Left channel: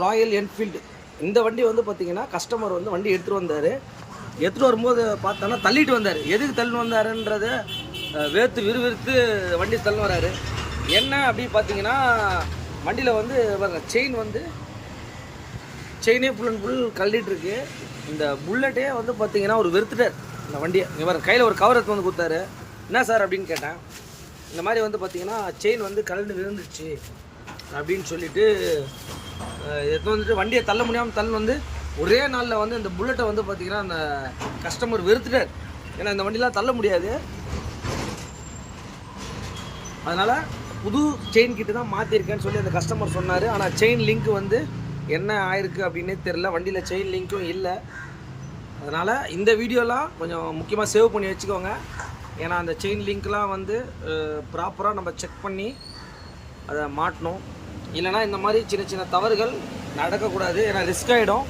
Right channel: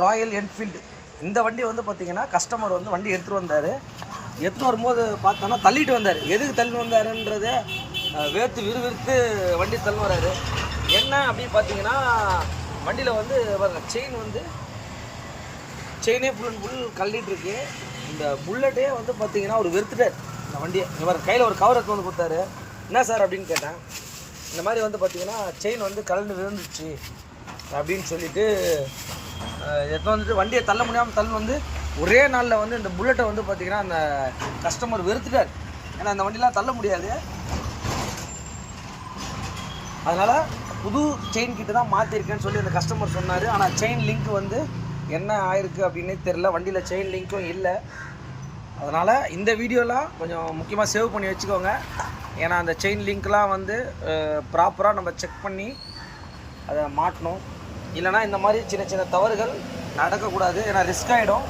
Royal Enfield இந்த வண்டி வந்து பார்த்தீங்கன்னா கஸ்டமர் வந்து வண்டி எடுத்துகிட்டு வந்தார். எடுத்துகிட்டு வரும்போது பார்த்தோன்னா தள்ளிட்டு வந்தார். எதுக்கு தள்ளி வந்தாருன்றத வேர்த்து விறுவிறுத்து வண்டி தள்ளி வராரு. என்ன அப்படின்னு பார்த்தீங்கன்னா வண்டியில் வந்து செயினே ஃபுல் அண்ட் ஃபுல் கழட்டிகிட்ருக்கு. இந்த புல்லட்டே வந்து பார்த்தீங்கன்னா ஒரு வெறுத்துட்டார் இந்த வண்டியை. இவர் கையில் ஒரு கவர் எடுத்து வந்து கொடுத்தாரு. என்ன சார் அப்படின்னு கேட்டேன். இந்த மாதிரி வந்து பார்த்தீங்கன்னா செயின் வந்து கலந்து விழுந்துச்சு அப்படின்னு சொல்லிட்டு எடுத்து வந்துட்டு வண்டியை தள்ள முடியாமல் வந்து ஒரே நாளில் வந்து இந்த புல்லட்டை வந்து பார்த்திங்கன்னா அந்த கஸ்டமர் வெறுத்துட்டார். ஏன்னா இந்த வண்டிலாம் தள்ள முடியாது. அதனால் புது செயின் கிட்ட தான் மாற்றிருக்கேன்னு சொல்லி அந்த கஸ்டமர் சொன்னார். ஆனால் செயின் லிங்க் வந்து என்ன ஆயிருக்கு அப்படின்னே தெரில. வண்டியில் செயின் லிங்க்கும் இல்லை. அதனால் இந்த வீடியோலாம் கொஞ்சம் முக்கியமாக சேவ் பண்ணி வச்சுக்கோங்க. ஏன்னா அந்த செயின் லிங்க்லாம் வந்து ப்ராப்பராக நம்ம செக் பண்ணி அதை மாட்டணும். இல்லைனா இந்த மாதிரி சின்ன சின்ன தவறுகள் நடக்கக்கூடாது. ஏன்னா ரிஸ்க் ஆகிடும்.